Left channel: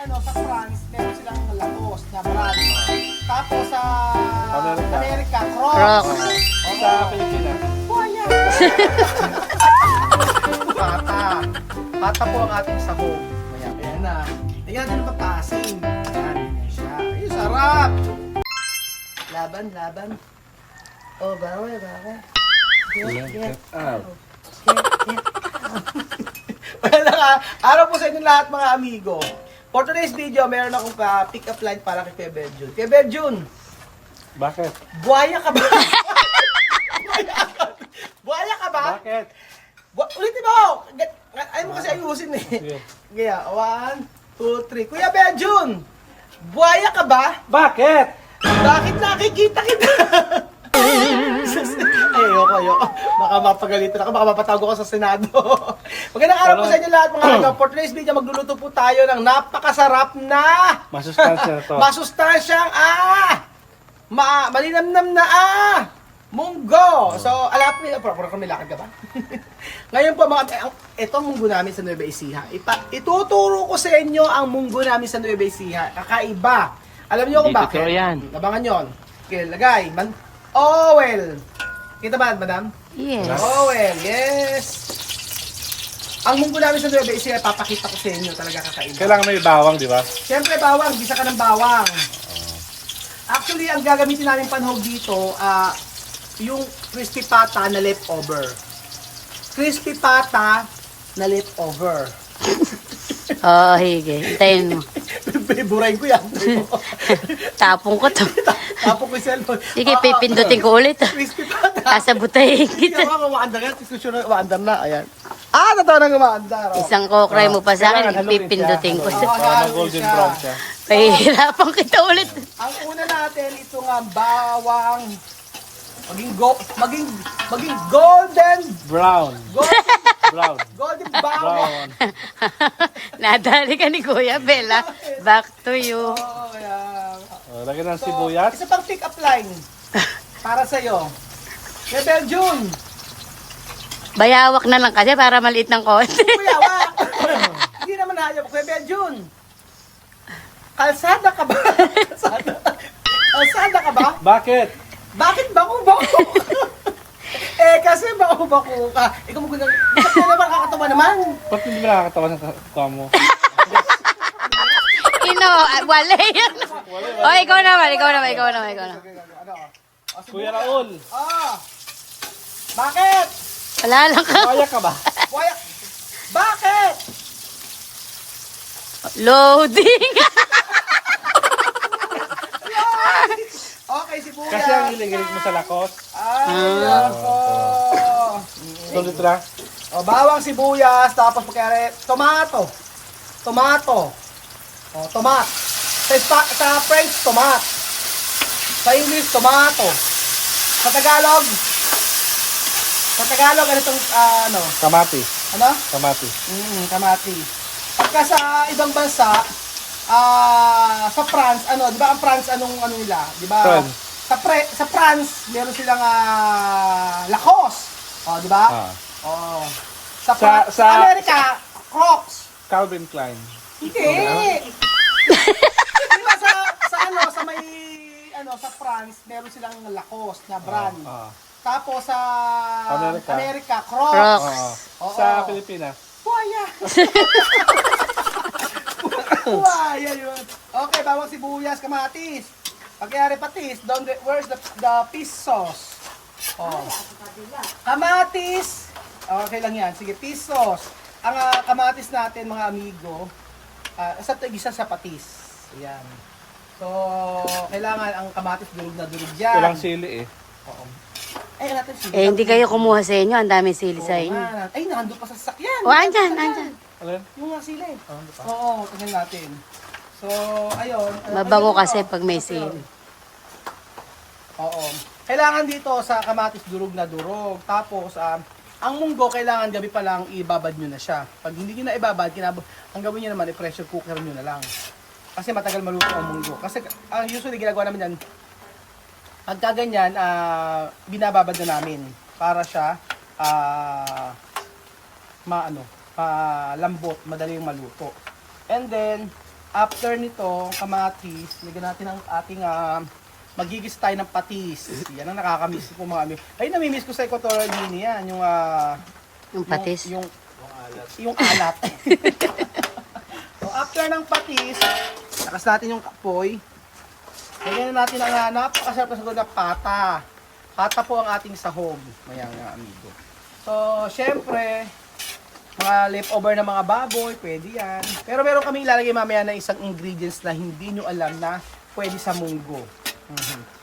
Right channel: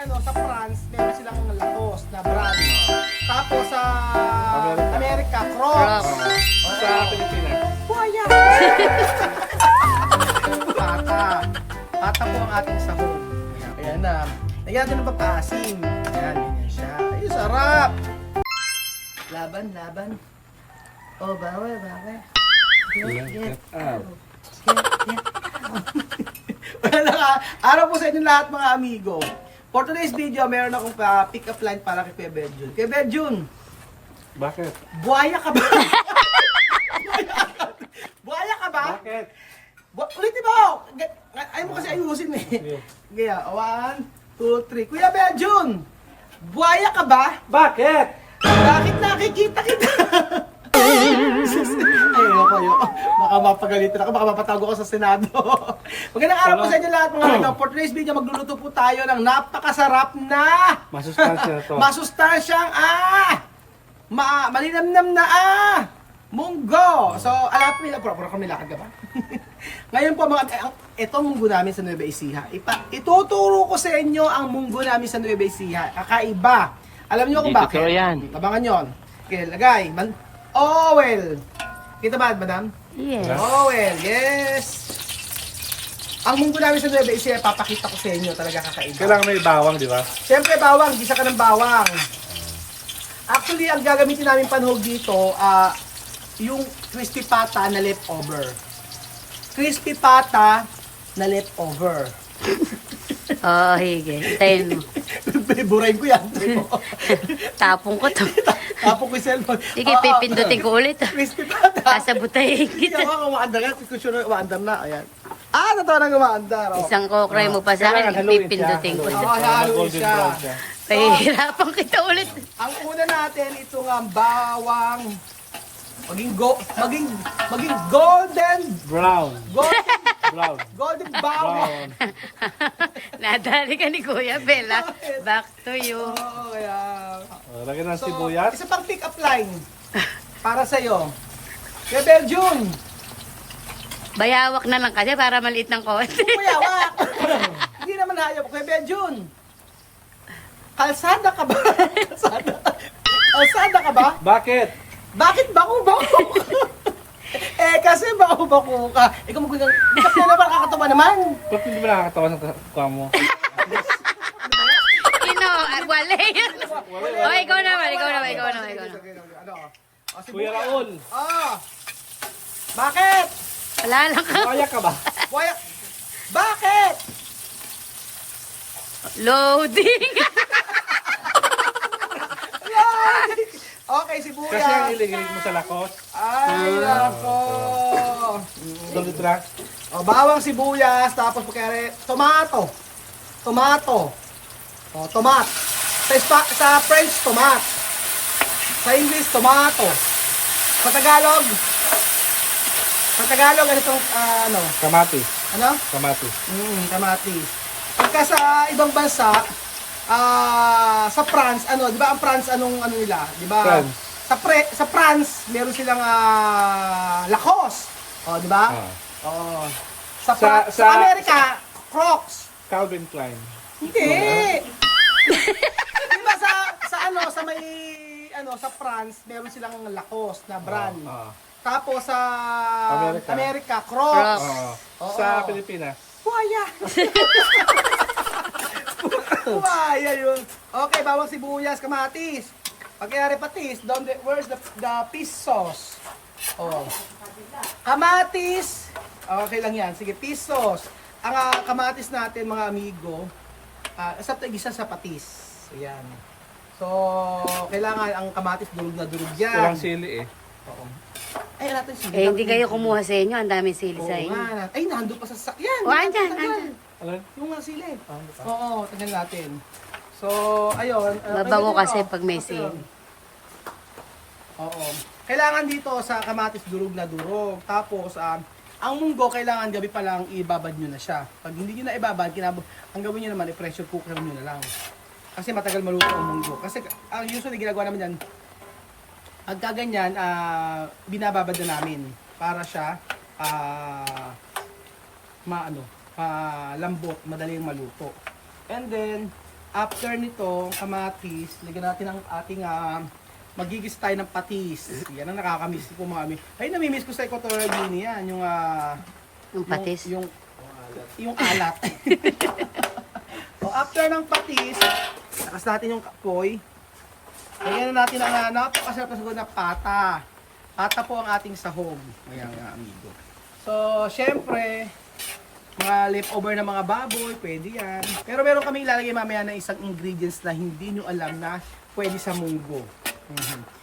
sa France, meron silang Lacoste na brand. Tapos sa Amerika, Crocs. Sa Pilipinas. Buhaya! Pata po ang ating sahog. Ayan na. Lagyan natin ng papaasim. Ayan, ganyan siya. Ay, sarap! Laban. Oh, bawal. Get out. Wala ka. Araw po sa inyo lahat mga amigo. For today's video, meron akong pick-up line para kay Kuya Benjun. Kuya Benjun, Bakit? buhaya ka ba? Buhaya ka ba? Bakit? Ulitin mo! Ayaw mo kasi ayusin eh. Kaya, 1, 2, 3. Kuya Benjun, buhaya ka ba? Bakit? Bakit nakikita kita? Ayoko. Baka mapagalitan ako, baka mapatago ko sa Senado. Magandang araw po sa inyo lahat mga kaibigan. For today's video, magluluto po tayo ng napakasarap na Masustansya na to. masustansyang malinamnam na munggo. So, alap nila, pura kami lakad ka ba? Ngayon po ito ang munggo namin sa Nueva Ecija. Ituturo ko sa inyo ang munggo namin sa Nueva Ecija. Kakaiba. Alam niyo kung bakit? Totoo yan. Abangan yon. Okay, lagay. Oil. Kita ba, madam? Yes. Oil, yes. Ang munggo namin sa Nueva Ecija, papakita ko sa inyo. Talaga kakaiba. Kailangan may bawang, di ba? Siyempre, bawang. Gisa ka ng bawang. Actually, ang gagamitin namin panhog dito, yung crispy pata na leftover. Crispy pata na leftover. Oo, hige. Tayo mo. Burahin ko yan. Tapong ko to. Tapos ko yung cellphone. Sige, pipindutin ko ulit. Crispy pata. Kasabutahin Hindi kita. ka umaandar yan. Diskusyon na umaandar na. Ayan. Natawa nang umaandar. Isang kokray mo pa sa akin, pipindutin ko. Haluin Golden siya. brown siya. Pahihirapan kita ulit. Ang una natin, ito nga bawang. Maging golden Brown. Brown. golden bawang. Nadali ka ni Kuya Bella. Back to you. Oo, kaya. Lagyan ng So, sibuyas. isa pang pick up line para sa iyo. Kaya Belgium, Bayawak na lang kasi para maliit ng konti. kuya, wak. Hindi naman hayop. Kaya Belgium, kalsada ka ba? Kalsada ka ba? Bakit? Bakit bako-bako? Kasi bako-bako ka. Ikaw magandang, bakit na naman kakatawa naman? Ba't hindi mo nakakatawa ng kuha mo? Wala yan. O, ikaw naman. Ano? Kuya Raul. Bakit? Wala lang ka. Kaya ka ba? Waya. Bakit? Loading. Okay, sibuyas. Kasi ang iligilig mo sa lakos. Ay, nako. Tulit na. Bawang sibuyas, tapos pagkari, tomato. Tomat. Sa French, tomat. Sa English, tomato. Sa Tagalog, ano itong, Kamatis. ano? Kamatis. Kamatis. Pagka sa ibang bansa, sa France, di ba ang France ano nila, di ba? France. Sa France, meron silang Lacoste. Di ba? Sa Amerika, Crocs. Calvin Klein. Hindi. Di ba sa France, meron silang Lacoste na brand. Tapos sa Amerika, Crocs. Oo. Sa Pilipinas. Buhaya. Buhaya yun. Okay, bawang sibuyas, kamatis. Pagkayari patis, where's the fish sauce? Kamatis. Okay lang yan. Sige, fish sauce. Ang kamatis natin, mga amigo, isa sa patis. Ayan. So, kailangan ang kamatis durug na durug yan. Walang sili eh. Oo. Ay, natin sili. Hindi kayo kumuha sa inyo. Ang dami sili sa inyo. Ay, nandun pa sa sasakyan. Andyan. Alin? Yung nga sili. Oo, tingnan natin. So, ayun. Mabango ayun kasi dito. pag may sili. Oo. Kailangan dito sa kamatis durog na durog. Tapos, ang munggo, kailangan gabi pa lang ibabad nyo na siya. Pag hindi nyo na ibabad, ang gawin nyo naman, i-pressure cooker nyo na lang. Kasi matagal maluto ang munggo. Kasi usually ginagawa namin yan, pagka ganyan, binababad na namin para siya lambot, madali yung maluto. And then, after nito, kamatis, lagyan natin ang ating magigis tayo ng patis. Yan ang nakakamiss ko mga amigo. Ay, namimiss ko sa Equatorial Guinea yan, Yung patis. yung alat. So, after ng patis, takas natin yung kapoy. Lagyan na natin ang napakasarap na sahog na pata. Pata po ang ating sahog. Ayan mga amigo. So, syempre, mga leftover na mga baboy, pwede yan. Pero meron kami ilalagay mamaya na isang ingredients na hindi nyo alam na pwede sa munggo.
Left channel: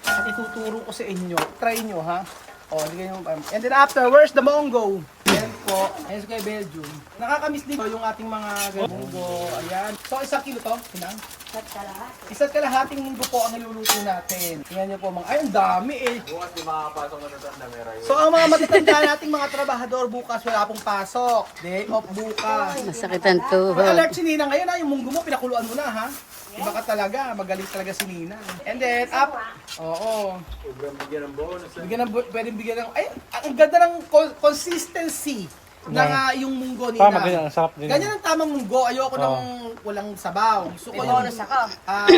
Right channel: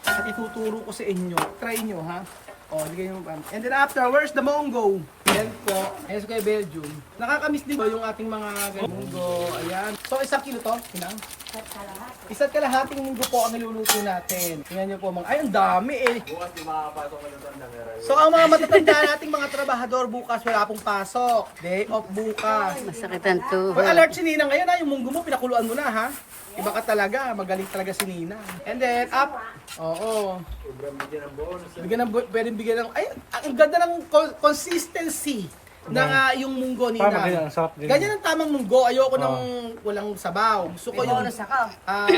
At ituturo ko sa inyo. Try nyo ha. O, ligay nyo. And then after, where's the munggo? Yan po. Ayan sa kay Belgium. Nakakamiss din yung ating mga munggo. Ayan. So, 1 kilo to. Kinang? Isa't kalahating munggo po ang niluluto natin. Tingnan nyo po mga, ay ang dami eh. Bukas di makapasok na matanda may rayo. So ang mga matatanda nating mga trabahador bukas wala pong pasok. Day off bukas. Masakit ang tuhod. May alert si Nina ngayon ha, yung munggo mo pinakuluan mo na ha. Iba ka talaga, magaling talaga si Nina. And then up, oo. Bigyan ng bonus. Pwedeng bigyan ng, ay ang ganda ng consistency ng yung munggo Nina. Tama, ganyan, ang sarap ganyan. Ganyan ang tamang munggo. Ayoko ng walang sabaw. Gusto ko yung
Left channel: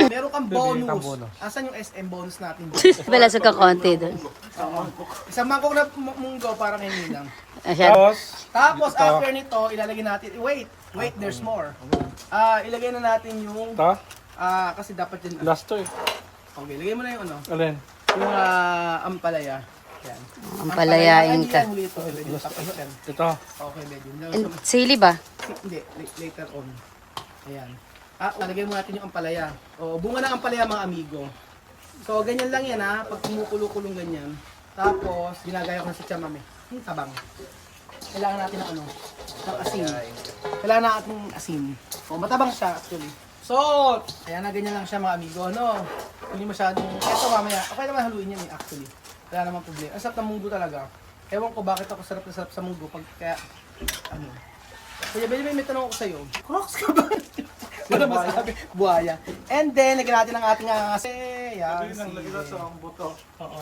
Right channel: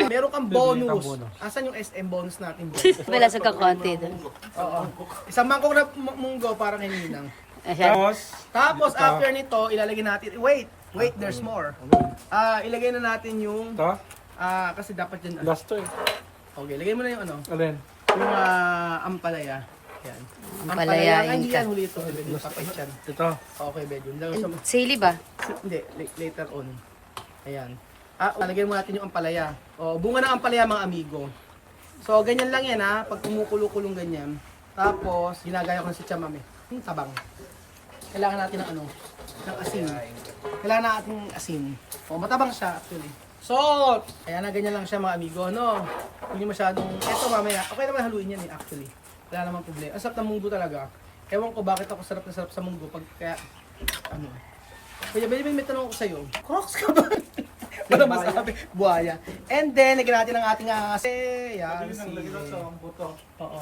meron kang Bibigyan bonus. kang bonus. Asan yung SM bonus natin? Balasag ka konti doon. Oo. Isang mangkok na munggo para kay Ninang. Tapos, Tapos ito. after nito, ilalagay natin, wait, there's more. Ilagay na natin yung, ito, kasi dapat yan, last to eh. okay, lagay mo na yung Alin? yung ampalaya. Yan. Ampalayain Hindi ka. yan, huli ito, medyo tapos yan. Ito. Okay, medyo. Sili ba? Hindi, later on. Ayan. Lalagay mo natin yung ampalaya. O, bunga ng ampalaya mga amigo. So, ganyan lang yan ha, pag kumukulo-kulong ganyan. Tapos, ginagaya ko na si chamame. Tabang. Kailangan natin ng ng asin. Kailangan natin ng asin. O, matabang siya actually. Salt! Ayan na, ganyan lang siya mga amigo, Hindi masyadong, eto mamaya, okay naman haluin yan actually. Wala namang problema. Ang sarap ng munggo talaga. Ewan ko bakit ako sarap na sarap sa munggo pag kaya, Kaya may tanong ako sa'yo. Crocs ka ba? Wala masabi. Buhaya. And then, lagyan natin ang ating yan. buto. Oo.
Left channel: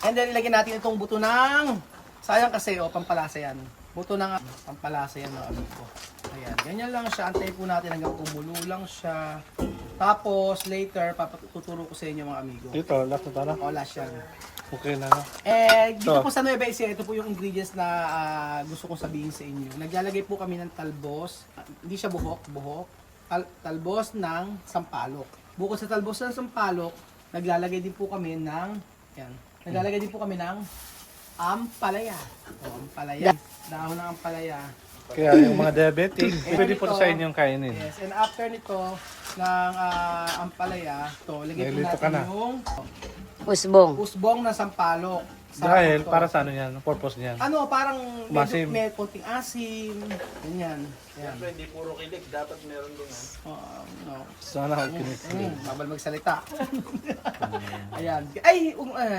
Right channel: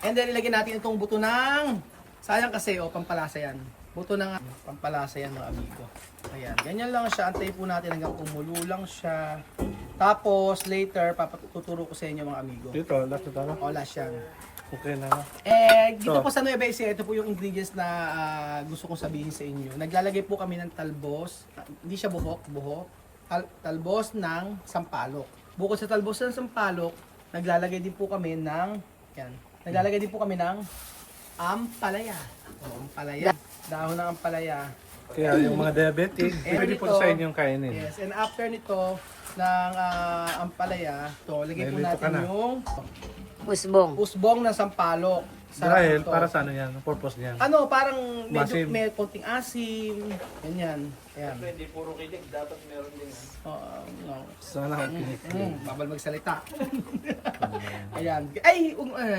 And then, ilagyan natin itong buto ng, sayang kasi, pampalasa yan. Buto ng pampalasa yan mga amigo. Ayan, ganyan lang siya. Antay po natin hanggang kumulo lang siya. Tapos, later, papatuturo ko sa inyo mga amigo. Dito, last na na. O, last yan. Okay na. Dito So, po sa Nueva Ecija, ito po yung ingredients na gusto kong sabihin sa inyo. Naglalagay po kami ng talbos. Hindi siya buhok. Talbos ng sampalok. Bukod sa talbos ng sampalok, naglalagay din po kami ng, naglalagay din po kami ng ampalaya. O, ampalaya. Dahon ng ampalaya. kaya yung mga diabetic, pwede po ito, sa inyong kainin. Yes, and after nito, ng ampalaya, lagay po Nilito natin ka na. yung Usbong. usbong ng sampalok. Sarap Dahil, ito. para sa ano yan? Purpose niyan. Parang medyo Masim. may konting asim, ganyan. Ayan. Hindi puro kilig, dapat meron din. No. Sana ako kinikilig. Babal magsalita. Ayan. Ay,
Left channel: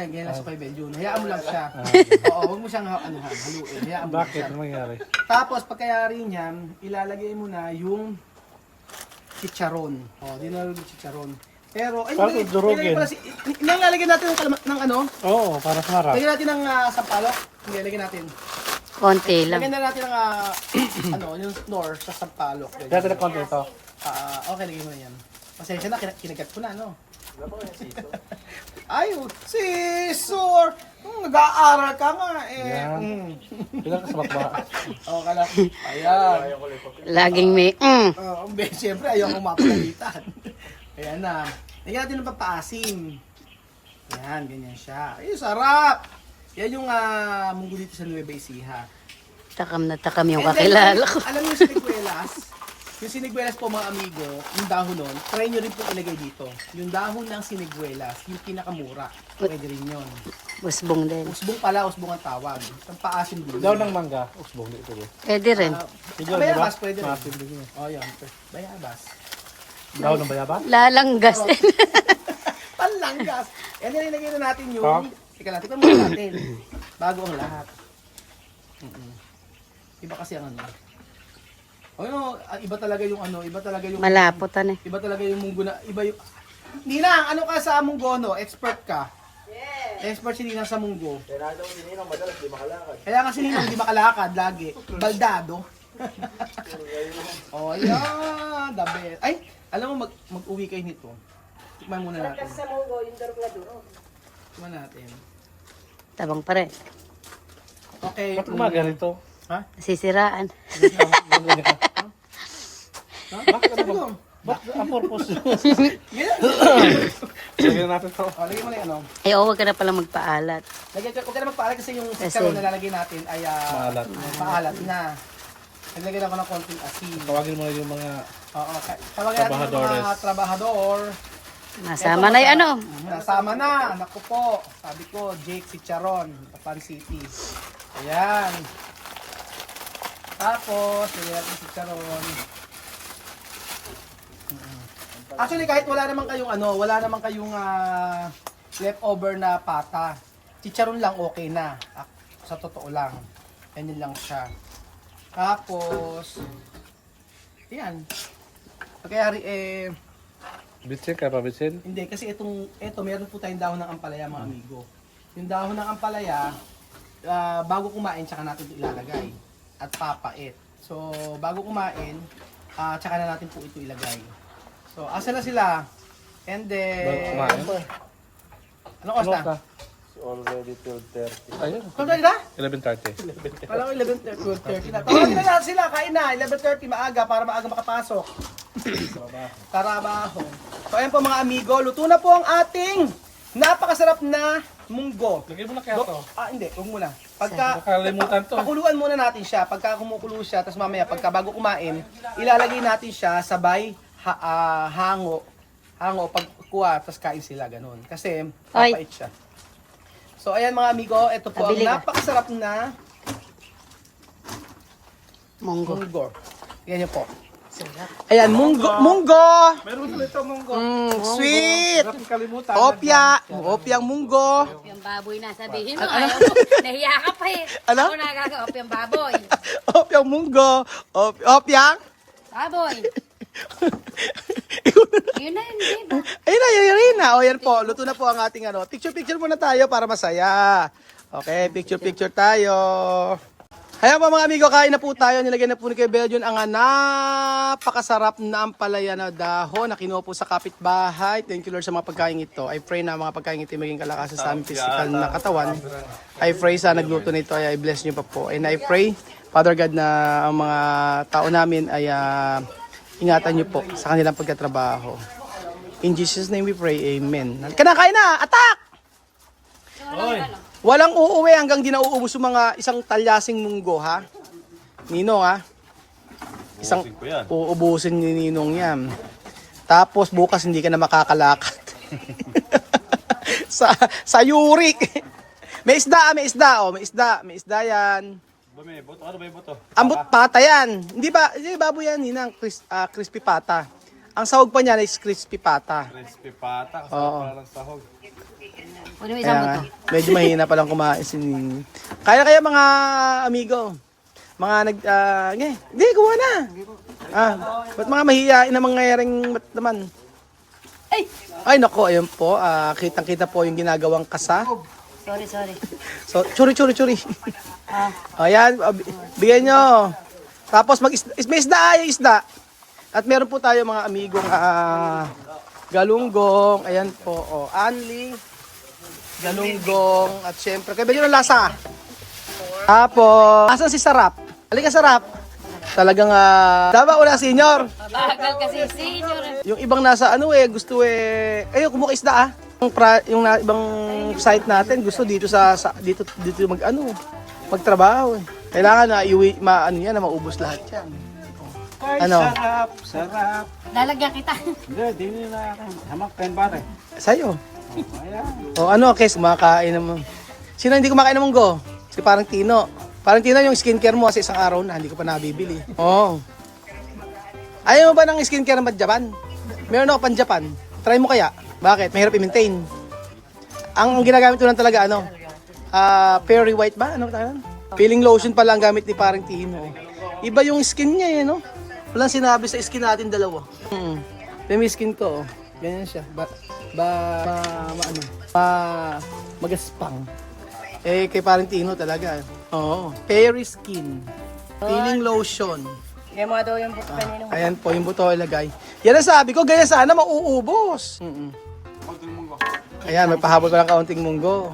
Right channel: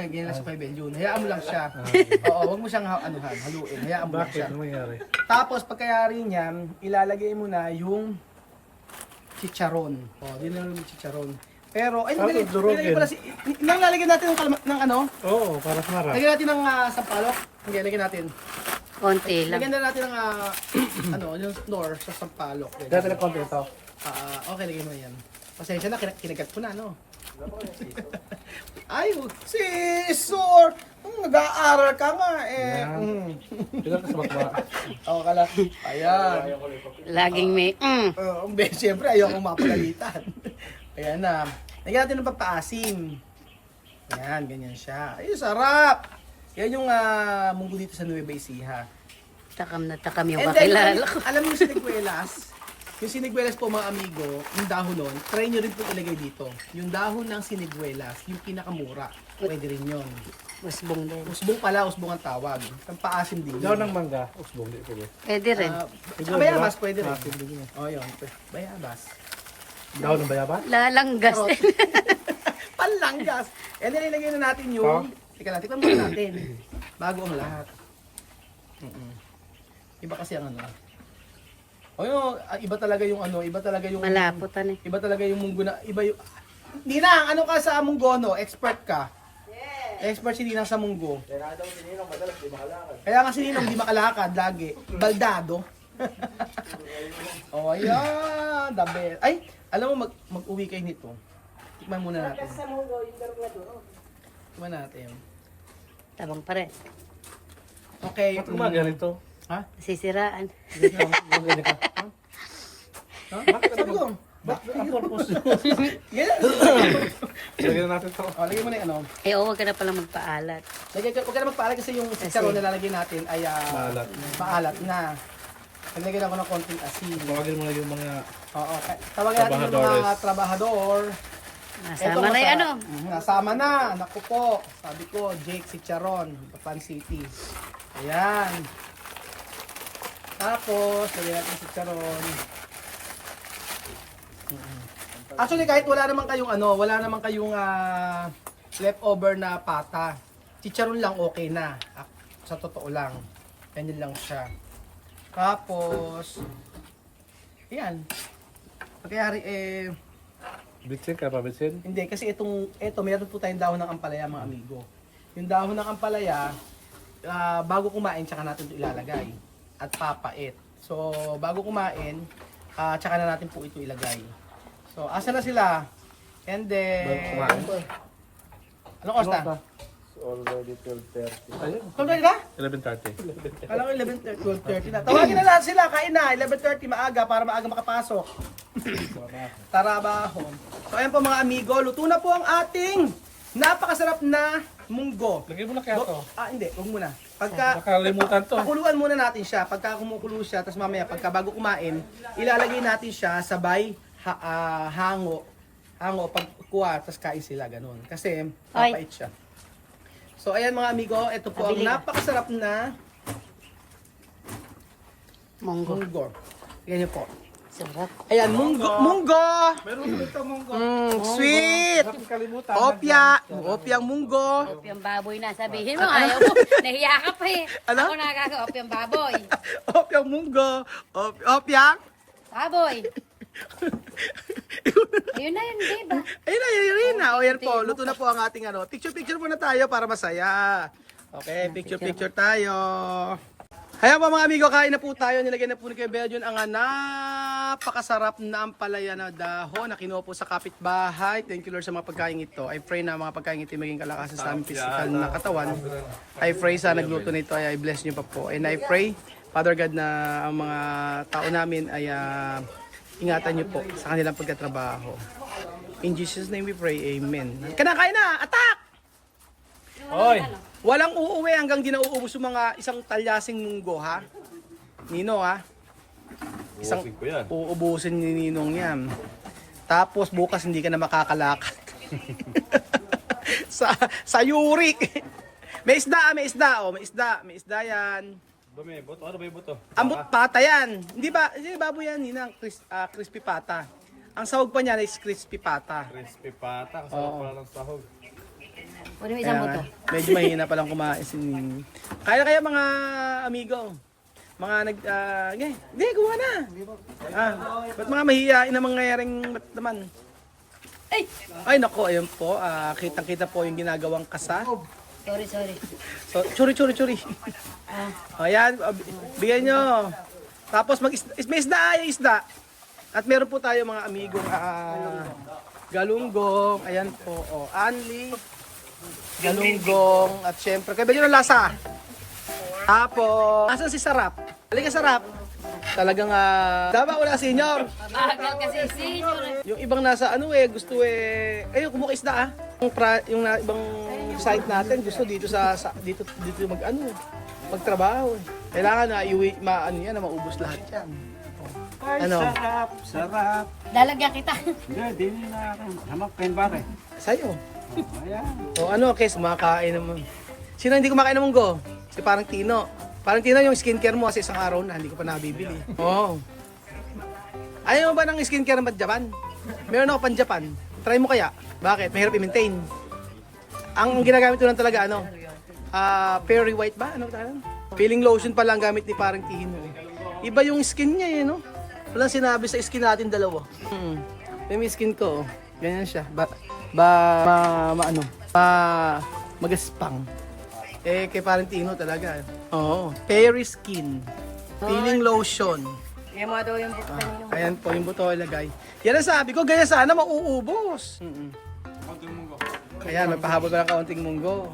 ganyan lang sa kay Belgium. Hayaan mo lang siya. Oo, huwag mo siyang haluin. Hayaan mo lang Bakit? siya. Ano mangyari? Tapos pagkayari niyan, ilalagay mo na yung chicharon. Dinalo yung chicharon. Pero, ay, Parang durugin. nang lalagyan natin ng Oo, para sa harap. lagyan natin ng sampalok. Hindi, lagyan natin. Konti lang. Lagyan na natin ng yung snore sa sampalok. Ganyan. Dati na konti ito. Okay, lagyan mo yan. Pasensya na, kinagat ko na, Ay, scissor! Nag-aaral ka nga, Yan. Pinakasabak mo. Kala. Ayan. Laging may Siyempre, ayoko mapagalitan. Ayan na. Lagyan natin ng papaasim. Ayan, ganyan siya. Ay, sarap! Yan yung munggo dito sa Nueva Ecija. Takam na takam yung And then, kakilala ko. alam niyo yung siniguelas? Yung siniguelas po mga amigo, yung dahon nun, try nyo rin po ilagay dito. Yung dahon ng siniguelas, yung pinakamura. Pwede rin yun. Usbong din. Usbong pala, usbong ang tawag. Ang paasim din. Daw ng mangga, usbong dito. Pwede rin. Bayabas, pwede rin. Maasim din yun. Yun. Bayabas. Daw ng bayaba? Lalanggas. Panlanggas. And then ilagay na natin yung, teka lang, tikman muna natin. Bago ang lahat. Iba kasi ang iba talaga yung iba talaga yung Malaputan eh. Iba talaga yung munggo na, iba yung Ninang, ano ka sa munggo, Expert ka? Yes. Expert si Ninang sa munggo. Kaya daw si Ninang madalas di makalakad. Kaya nga si Ninang di makalakad lagi. Baldado. Oh, ayan. The best. Ay, alam mo, mag-uwi kayo nito. Tikman muna natin. Tikman natin. Tabang pa rin. Okay. Ba't umaga rito? Ha? Sisiraan. Ha? Bakit sabi ko? Bakit ang purpose? Ganyan. Lagyan natin to. Oh, lagyan mo na yung ano. Eh, huwag ka na pala magpaalat. Huwag ka na magpaalat kasi yung chicharon na lalagay natin ay Maalat. maalat na. Naglagyan ako ng konting asin. Tawagin mo yung mga Oo. Tawagin natin yung mga trabahador. Nasama Eto, na yung ano. Nasama na. Naku po. Sabi ko, Jake Chicharon, Papan City. Ayan. Tapos, lagyan natin si Chicharon. Actually, kahit wala naman kayong leftover na pata, chicharon lang okay na. Sa totoo lang. Ganyan lang siya. Tapos, ayan. Pagkayari, bitsin, kaya pa bitsin? hindi, kasi ito, meron po tayong dahon ng ampalaya, mga amigo. Yung dahon ng ampalaya, bago kumain, tsaka natin ito ilalagay. At papait. So, bago kumain, tsaka na natin po ito ilagay. So, asa na sila? And then, anong oras na? Already 12:30. Ayun. Kung na? 11:30. Kala ko 12:30 na. Tawagin na lahat sila, kain na. 11:30 maaga para maaga makapasok. Trabaho. So, ayan po mga amigo, luto na po ang ating napakasarap na munggo. Lagyan mo na kaya to. Hindi, huwag muna. Pagka, Nakalimutan to. pakuluan muna natin siya. Pagka kumukulo siya, tapos mamaya, pagka bago kumain, ilalagay natin siya sabay hango pag kuha, tapos kain sila, ganun. Kasi, papait siya. So, ayan mga amigo, ito po ang Pabili ka. napakasarap na Monggo. munggo. Yan yun po. Sarap. Ayan, munggo! Meron ko ito munggo. Sweet! Kalimutan. Opyang munggo. Opyang baboy na sabihin mo. Ayaw mo. Nahiya ka pa eh. Ano? Ako opyang baboy. Opyang munggo. Opyang? Baboy. Yun na yun, di ba? Ayun na. O yan po, luto na po ang ating Picture muna tayo para masaya. Okay, picture tayo. Ayan po mga amigo, kain na po tayo. Nilagyan na po ni Kuya Belgian ang napakasarap na ampalaya na dahon na kinuha po sa kapitbahay. Thank you Lord sa mga pagkain ito. I pray na mga pagkain ito maging kalakasan sa aming physical na katawan. I pray sa nagluto nito ay I bless niyo pa po. And I pray, Father God, na ang mga tao namin ay ingatan niyo po sa kanilang pagkatrabaho. In Jesus' name we pray, Amen. Kinakain na! Attack! Oy. Walang uuwi hanggang di nauubos yung mga isang talyasing munggo, ha? Ninong, ha? Isang uubusin ni Ninong yan. Tapos bukas hindi ka na makakalakad. sa Yurik. May isda, may isda yan. May buto. Ano ba yung buto? Ambot pata yan. Hindi baboy yan, Ninang. Crispy pata. Ang sahog pa niyan is crispy pata. Crispy pata. Kasama Oo. pala ng sahog. Pwede mo isang Kaya buto. medyo mahina palang kumain si Ninong. Kaya mga amigo. Mga hindi, kuha na. Ba't mga mahihain na mangyayaring naman? Ay, nako, ayun po. Kitang-kita po yung ginagawang kasa. Sorry. So, churi. Ah, Ayan, bigyan nyo. Tapos may isda. At meron po tayo mga amigong galunggong. Ayan po, anli. Galunggong. At syempre, kaya ba yun ang lasa? Tapos, asan si Sarap? Halika Sarap. Talagang, tama ko na senyor. bakal kasi senior. Yung ibang nasa gusto ayun, kumuha isda Yung ibang site natin gusto dito dito magtrabaho. Kailangan na iuwi na maubos lahat 'yan. Ano? Sarap. Lalagyan kita. Hindi, di na ako. Hamak pen pare. Sa'yo. Ayan. O ano, Kes, kumakain naman. Sino hindi kumakain ng munggo? Si parang Tino. Parang Tino yung skincare mo kasi isang araw na hindi ko pa nabibili. Oo. Ayaw mo ba ng skincare ng Japan? Meron ako pan Japan. Try mo kaya? Bakit? Mahirap i-maintain. Ang ginagamit ko lang talaga, Fairy White ba? Ano ba? Peeling lotion pa lang gamit ni parang Tino. Iba yung skin niya, Walang sinabi sa skin natin dalawa. Yung skin ko, ganyan siya. Magaspang. Kay parang Tino talaga. Oo. Fairy skin. Peeling lotion. Yan mo daw yung kanino. Ayan po, yung buto ilagay. Yan ang sabi ko, ganyan sana mauubos. Ayan, may pahabol pa ng kaunting munggo.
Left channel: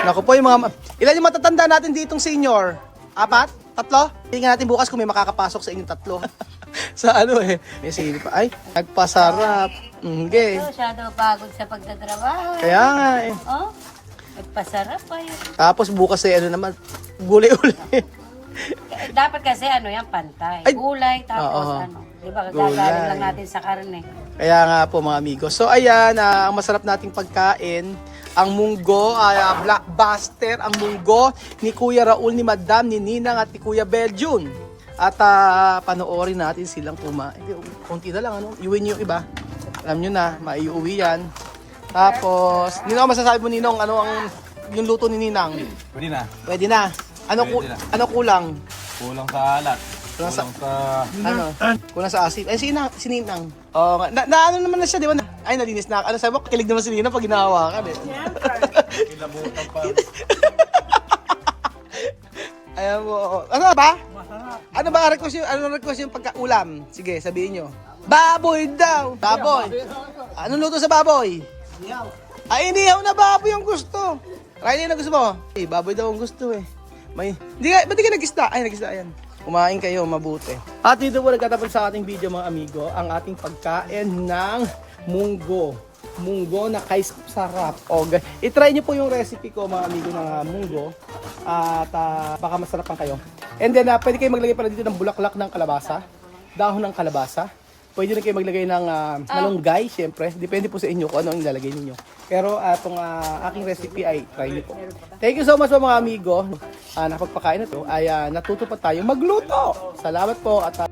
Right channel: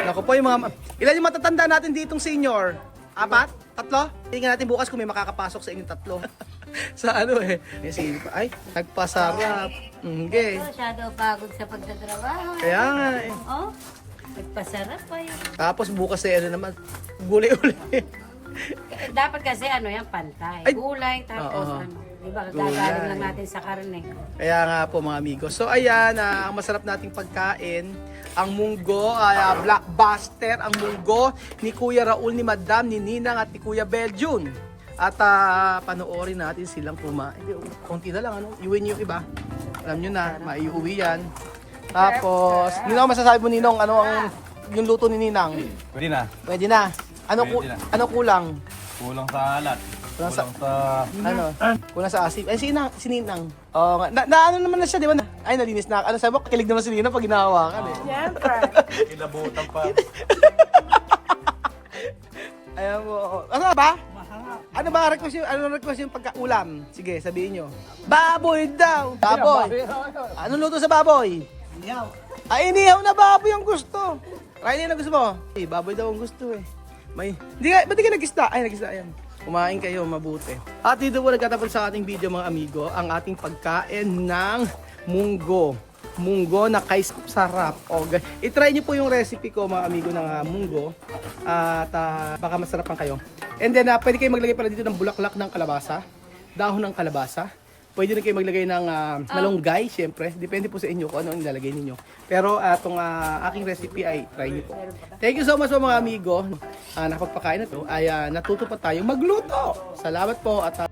Naku po, yung mga... Ilan yung matatanda natin ditong senior? 4? 3? Tingnan natin bukas kung may makakapasok sa inyong 3. Sa ano eh. May sige pa. Ay, nagpasarap. Okay. So, siya daw pagod sa pagtatrabaho. Kaya nga eh. Oh, nagpasarap pa yun. Tapos bukas ay ano naman, gulay-uli. Dapat kasi ano yan, pantay. Ay. Gulay, tapos Oo. ano. Di ba, Gulay. gagaling lang natin sa karne. Kaya nga po mga amigo. So ayan, ang masarap nating pagkain. Ang munggo, blockbuster, ang munggo ni Kuya Raul, ni Madam, ni Ninang at ni Kuya Beljun. At panoorin natin silang kumain. Konti na lang, ano? Iuwi niyo yung iba. Alam nyo na, maiuwi yan. Tapos, Ninong, masasabi mo Ninong, ano ang yung luto ni Ninang? Pwede na. Pwede na. Pwede na. Ano kulang? Kulang sa alat. Kulang sa- Kulang sa... Ano? Kulang sa asin. Eh, si Ninang. Oo nga. Na ano naman na siya, di ba? Ay, nalinis na. Ano sabi mo? Kilig naman si Ninang pag ginahawakan eh. Kilabutan pa. Ayan mo. Ano ba? Ano ba request yung pagka-ulam? Sige, sabihin nyo. Baboy daw! Baboy! Anong luto sa baboy? Ay, inihaw na baboy ang gusto. Riley, na gusto mo? Eh, baboy daw ang gusto eh. Ba't di ka nag-isda? Ay, nag-isda yan. Kumain kayo, mabuti. At dito po nagtatapos sa ating video mga amigo, ang ating pagkain ng munggo. Munggo na kay sarap. I-try nyo po yung recipe ko mga amigo ng munggo. At baka masarapan kayo. And then, pwede kayo maglagay pala dito ng bulaklak ng kalabasa. Dahon ng kalabasa. Pwede rin kayo maglagay ng malunggay, siyempre. Depende po sa inyo kung ano ang ilalagay ninyo. Pero itong aking recipe ay try nyo po. Thank you so much mga amigo. Napagpakain na to ay natuto pa tayo magluto. Salamat po at